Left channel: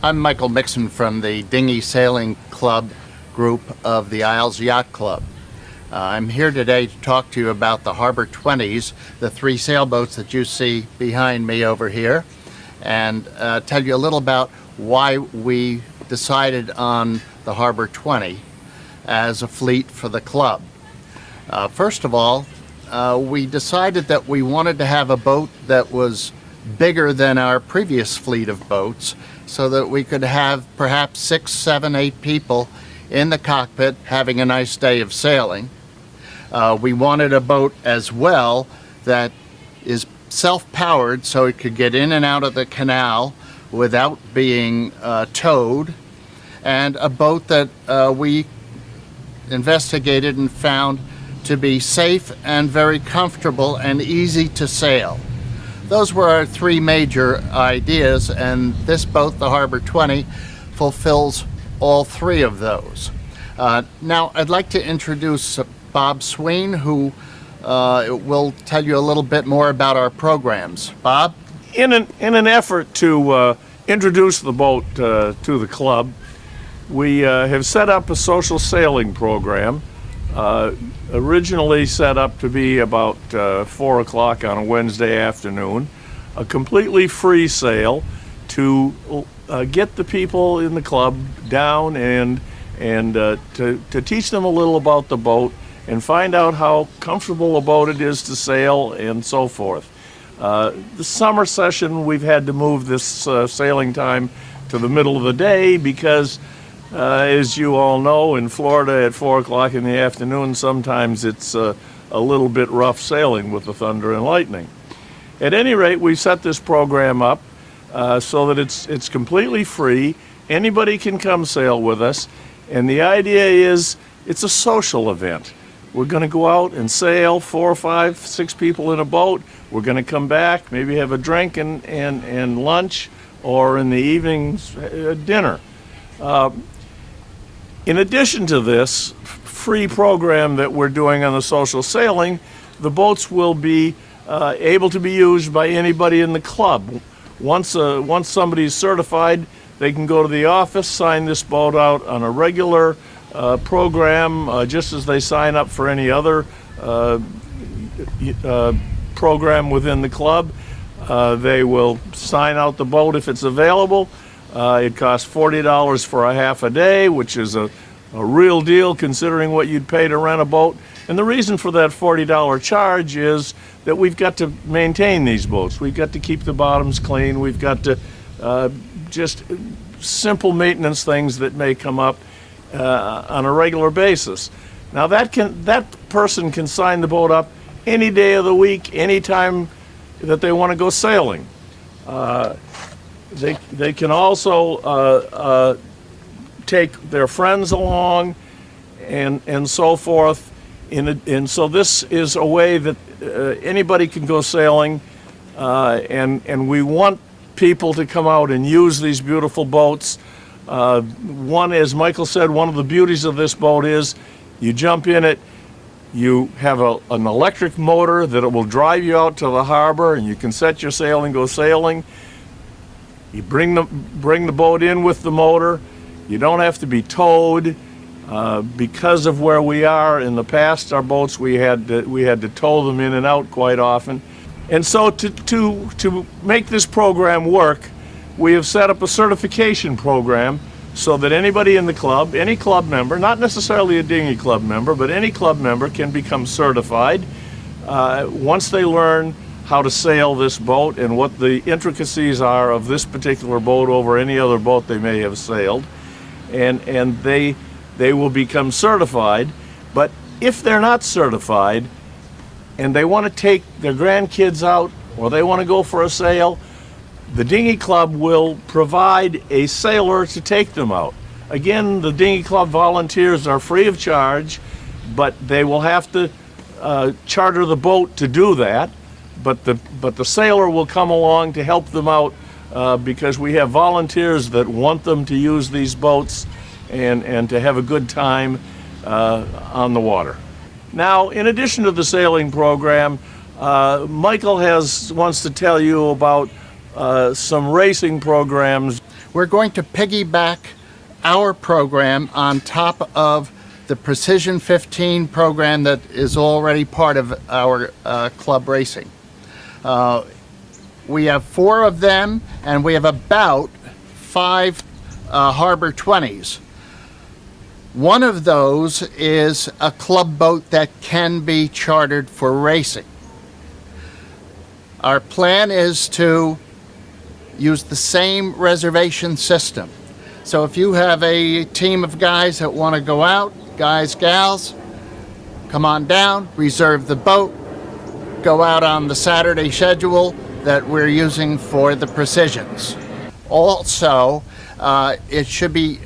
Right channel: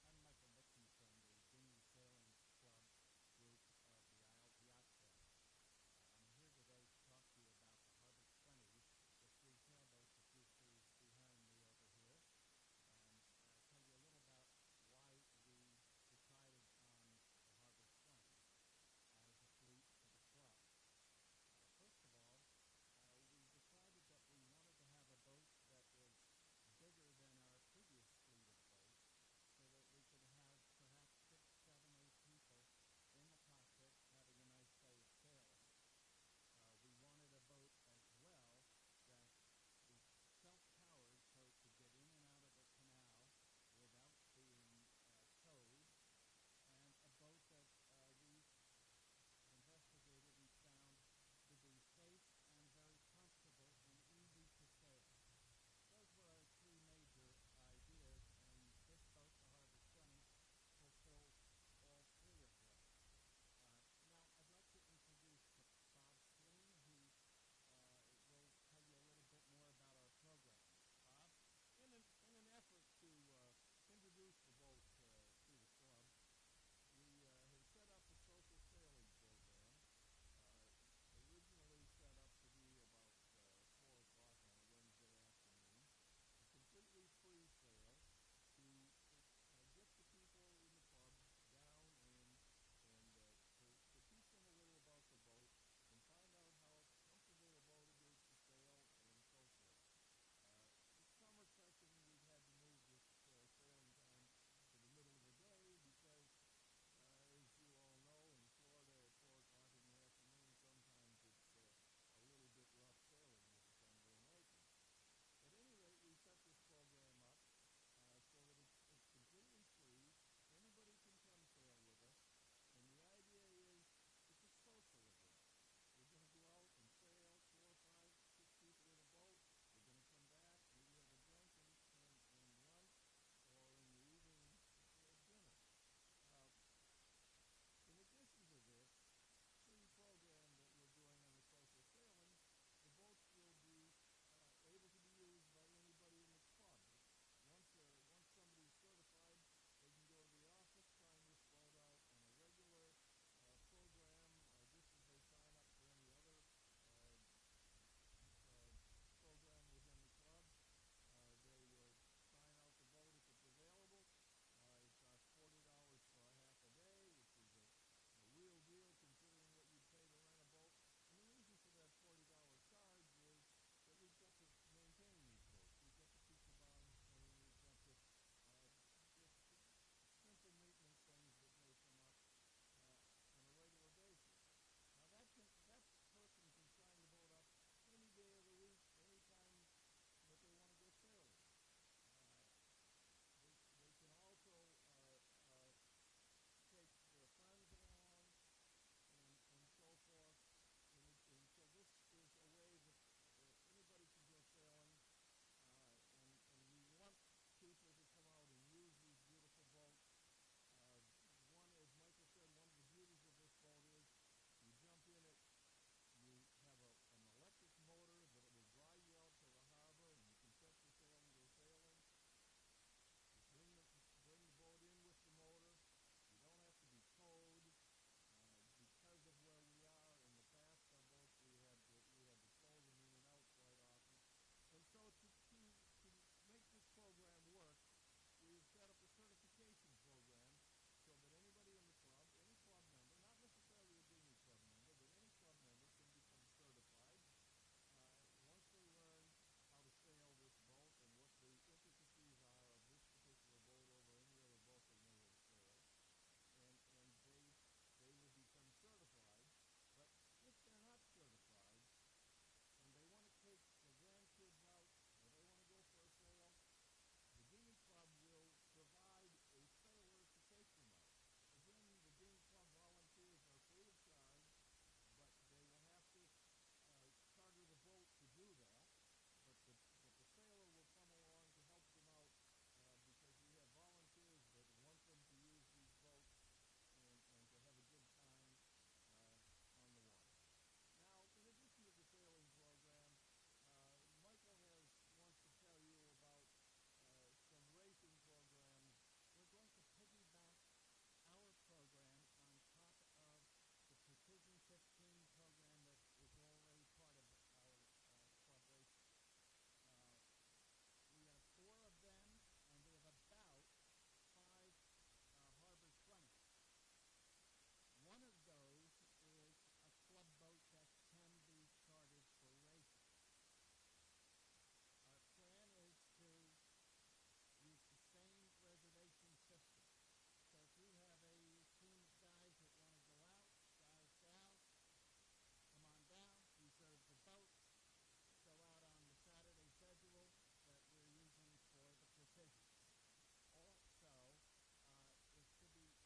I'm Michael Mixon from the Dinghy Sailing Club group of the Isles Yacht Club. I'm here today to talk to you about the Harbor 20s, the three sailboats that you see behind me over here, and tell you a little about why we decided on the Harbor 20 as a fleet for the club. First of all, we decided that we wanted to have a boat that was bigger than our previous fleet of boats, so that we could have perhaps 6, 7, 8 people in the cockpit having a nice day of sailing. We wanted a boat as well that is self-powered, so it could get in and out of the canal without being towed, and a boat that we investigated and found to be safe and very comfortable and easy to sail. Those were our three major ideas, and this boat, the Harbor 20, fulfills all three of those. Now, I'd like to introduce Bob Sween, who will tell you a little bit more about our programs. Bob? In an effort to introduce the boat to the club, we have set up a social sailing program, originally set up to be about 4 o'clock on a Wednesday afternoon, a completely free sail to get the people in the club down and to teach them a little about the boat and find out how comfortable a boat it is to sail and so forth. The summer session, we've had to move this sailing time to the middle of the day because as you all know, in Florida at 4 o'clock in the afternoon, sometimes it's a little bit rough sailing with the thunder and lightning. At any rate, we set this program up so that it's completely free. Anybody can come sail with us, and the idea is it's a social event. We're going to go out and sail, 4, 5, 6 people in a boat. We're going to come back, maybe have a drink and lunch, or in the evenings, dinner. In addition to this free program that we're doing on the social sailing, the boats will be able to be used by anybody in the club. Once somebody's certified, they can go to the office, sign this boat out on a regular program, just as they sign up for any other program within the club. They will sign out the boat if it's available. It costs $40 for a half a day, which is a real deal considering what you'd pay to rent a boat. And the reason for that $40 charge is that we've got to maintain these boats. We've got to keep the bottoms clean. We've got to just simple maintenance things that may come up on a regular basis. Now that person can sign the boat up any day of the week, any time that they want to go sailing. They can also take their friends along and so forth. And so this is a way that anybody can go sailing, and we want people to come out and use these beautiful boats. One, as Michael said, one of the beauties of this boat is you jump in it, you have an electric motor that it will drive you out to the harbor, and you can set your sail and go sailing. You bring the boat in with the motor. You don't have to be towed. Because of where we are in the past, our boats, we had to tow them in and out quite often. And so to make this program work, we have set up a certification program so that anybody in the club, any club member, not necessarily a dinghy club member, but any club member can become certified once they learn how to sail this boat and what the intricacies are of this particular boat over any other boat they may have sailed. And they will become certified. But if they're not certified and they want to take their grandkids out or they want to go for a sail, the dinghy club will provide a sailor to take them out. Again, the dinghy club volunteers are free of charge, but they will have to charter the boat to do that. But the sailor will come along to help them out because we have volunteers that want them to use these boats and to have a good time on the water. Now, in addition to the sailing program, Michael wants to tell you about some racing programs. We're going to piggyback our program on top of the Precision 15 program that is already part of our club racing. We have 4 of them, and we have about 5 Harbor 20s. One of those is a club boat that can be chartered for racing. Our plan is to use the same reservation system. So if you have a team of guys that want to go out, guys, gals, come on down, reserve the boat, go out on the Saturday schedule that we're using for the Precisions. Also, it should be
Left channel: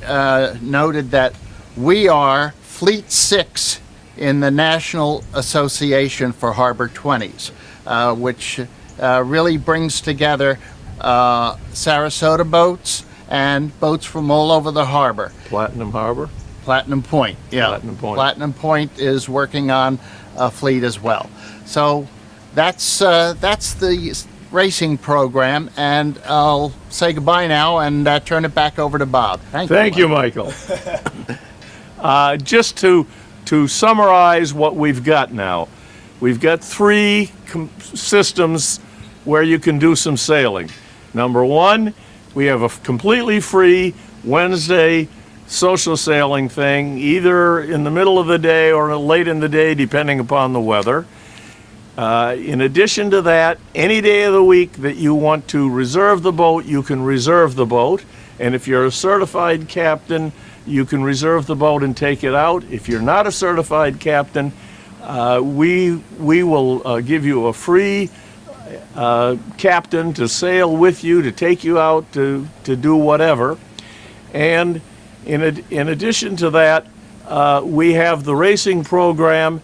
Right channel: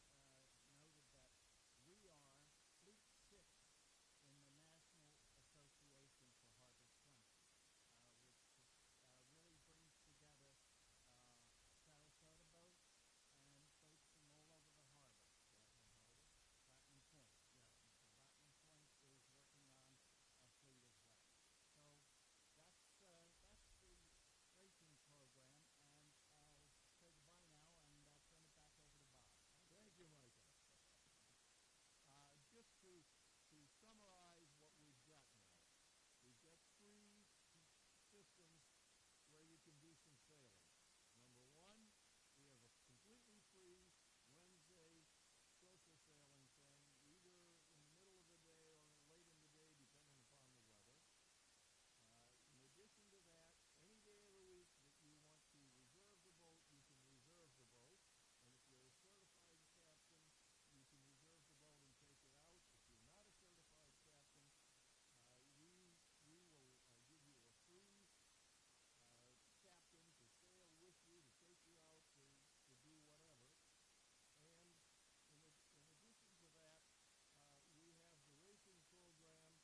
noted that we are Fleet 6 in the National Association for Harbor 20s, which really brings together Sarasota boats and boats from all over the harbor. Platinum Harbor? Platinum Point, yeah. Platinum Point. Platinum Point is working on a fleet as well. So that's the racing program, and I'll say goodbye now and turn it back over to Bob. Thank you, Michael. Just to summarize what we've got now, we've got 3 systems where you can do some sailing. Number 1, we have a completely free Wednesday social sailing thing, either in the middle of the day or late in the day, depending upon the weather. In addition to that, any day of the week that you want to reserve the boat, you can reserve the boat. And if you're a certified captain, you can reserve the boat and take it out. If you're not a certified captain, we will give you a free captain to sail with you, to take you out to do whatever. And in addition to that, we have the racing program,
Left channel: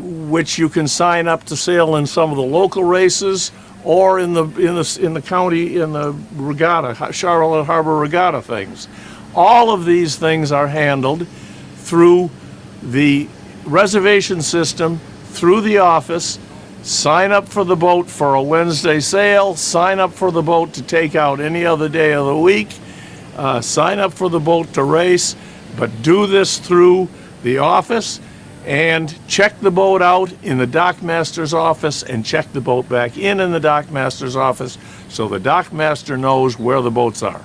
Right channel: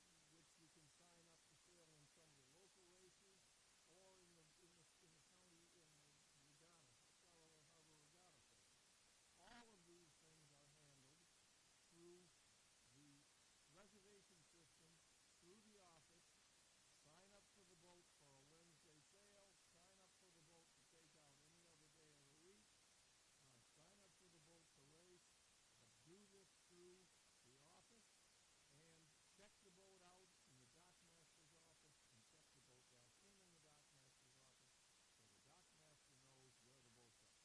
which you can sign up to sail in some of the local races or in the county, in the regatta, Charlotte Harbor regatta things. All of these things are handled through the reservation system, through the office. Sign up for the boat for a Wednesday sail, sign up for the boat to take out any other day of the week, sign up for the boat to race, but do this through the office, and check the boat out in the dockmaster's office and check the boat back in the dockmaster's office so the dockmaster knows where the boats are.